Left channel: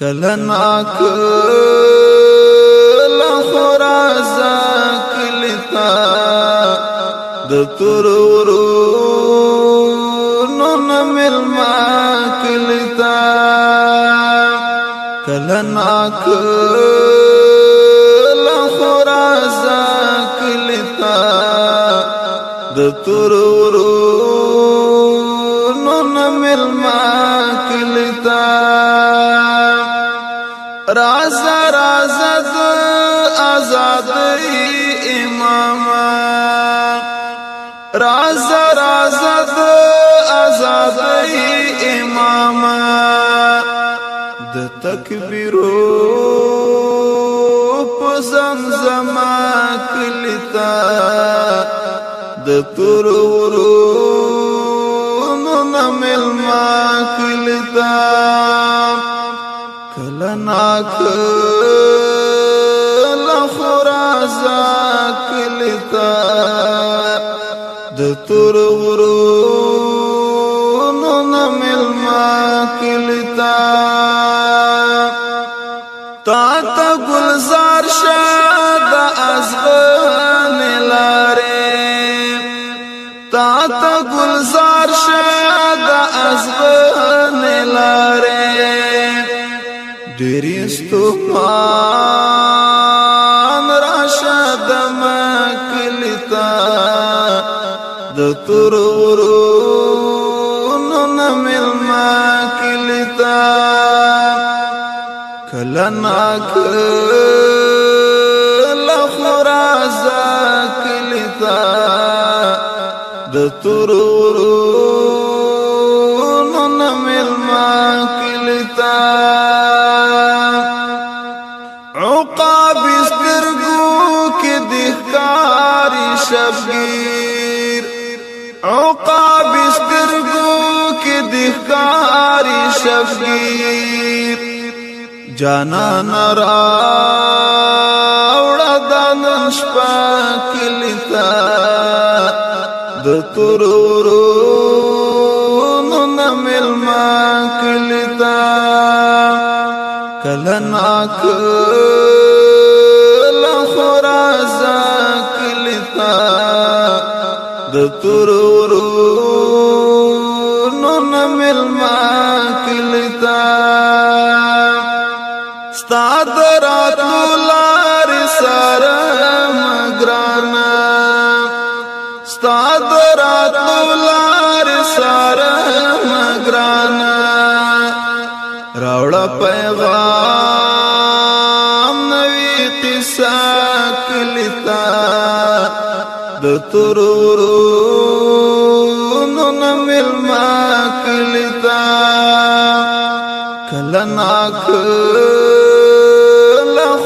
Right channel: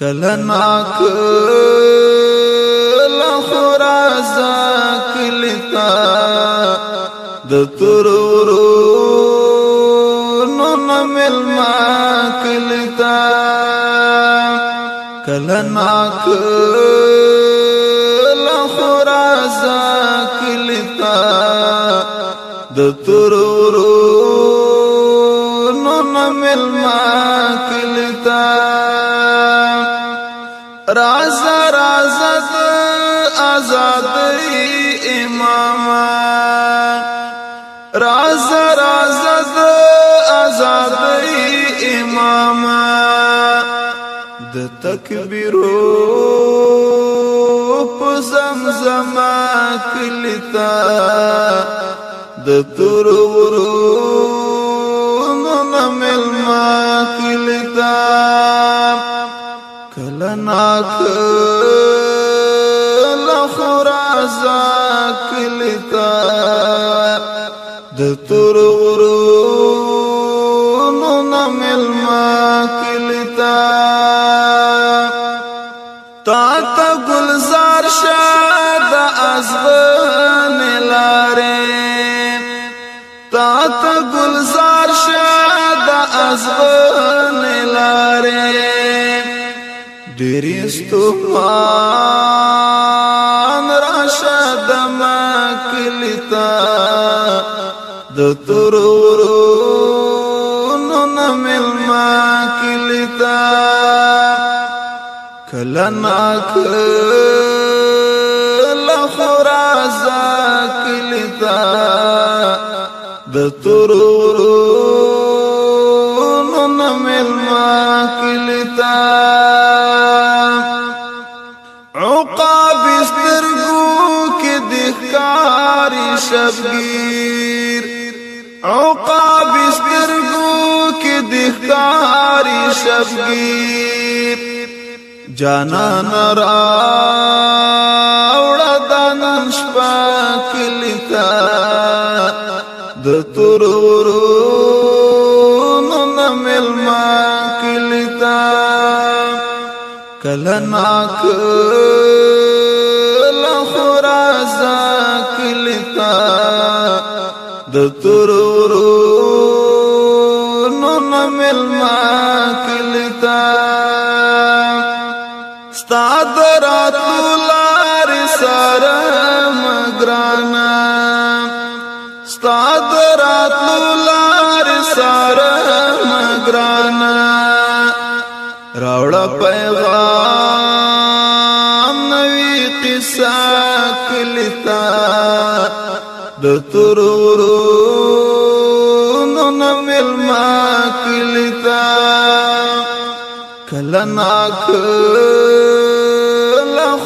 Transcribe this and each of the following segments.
کلنا کلا خرازا کلتا د ترورونو نملما کلتا کلنا کلا خرازا کلتا د ترورونو نملما کلتا رازا رازا د آزادی اماما رازا رازا د آزادی اماما د تکبیرو په زمزما کلتا د ترورونو نملما کلتا کلنا کلا خرازا کلتا د ترورونو نملما کلتا تا تا گلزار شاد ازغن لاره تا تا گلزار شاد ازغن لاره دریستمان راشد مکلتا د ترورونو نملما کلتا کلنا کلا خرازا کلتا د ترورونو نملما کلتا عقاب استرگو کی دخکاری شبگیر عقاب استرگو کی دخکاری شبگیر جانا نراوڑا دانن شپا کلتا د ترورونو نملما کلتا کلنا کلا خرازا کلتا د ترورونو نملما کلتا ستا دراتلو لار سره مگرانا ستا دراتلو لار سره مگرانا راوڑا پیغام نوی قصہ کلتا د ترورونو نملما کلتا کلنا کلا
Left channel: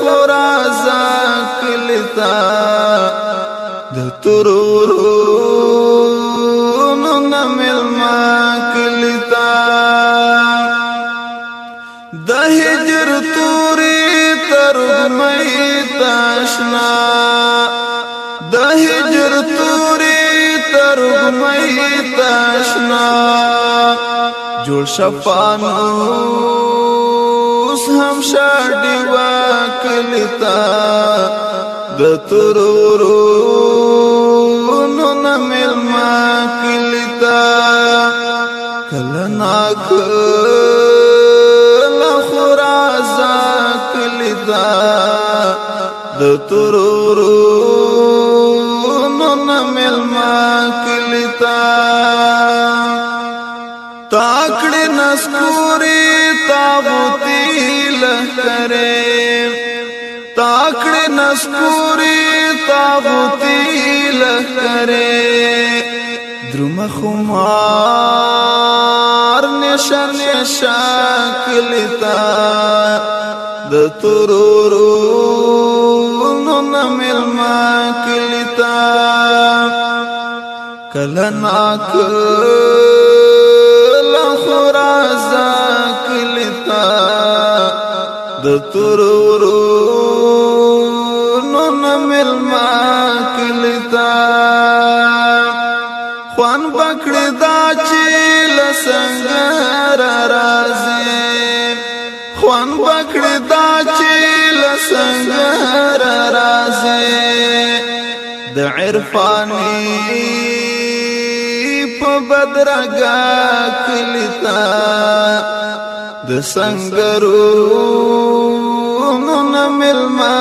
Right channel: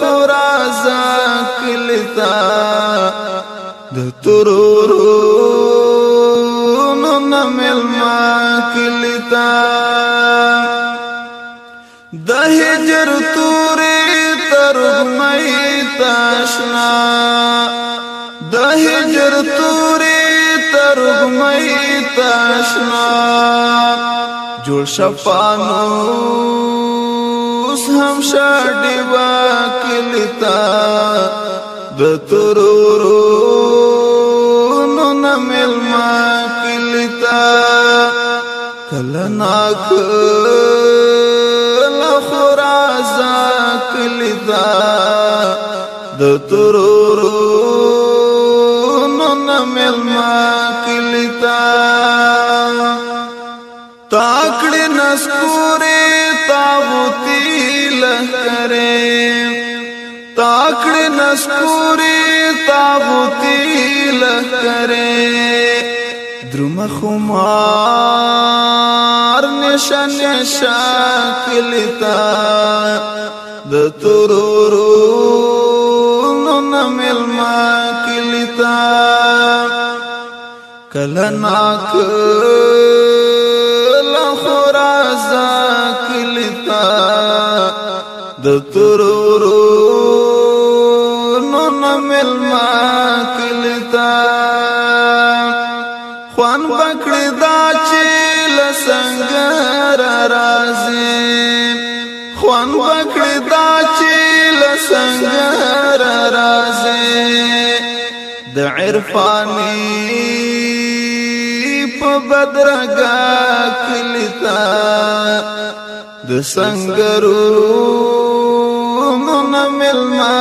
خرازا کلتا د ترورونو نملما کلتا د هجر توری ترغمئی تاشنا د هجر توری ترغمئی تاشنا جوړ شفانوس هم شاډي واکلتا د ترورونو نملما کلتا کلنا خرازا کلتا د ترورونو نملما کلتا تاکڑی نسکوری تاغوتی لہکرے تاکڑی نسکوری تاغوتی لہکرے درم خمار نشا نشا کلتا د ترورونو نملما کلتا کلنا کلا خرازا کلتا د ترورونو نملما کلتا خوان بکړی دا چې لسنګر راځي خوان بکړی دا چې لسنګر رازي د عرفاني په بدرګه کلیتا د سنگرونو نملما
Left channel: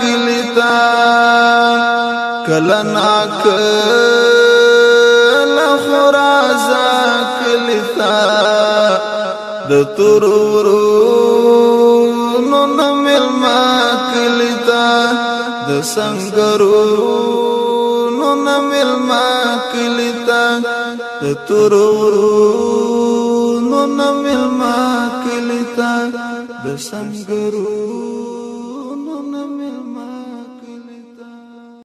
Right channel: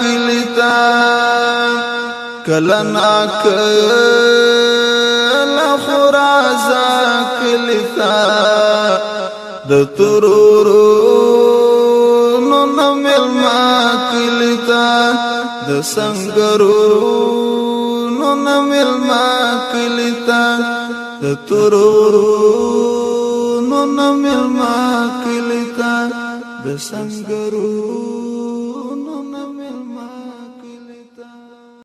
کلیتا کلنا کلا خرازا کلیتا د ترورونو نملما کلیتا د سنگرونو نملما کلیتا د ترورونو نملما کلیتا د سنگرونو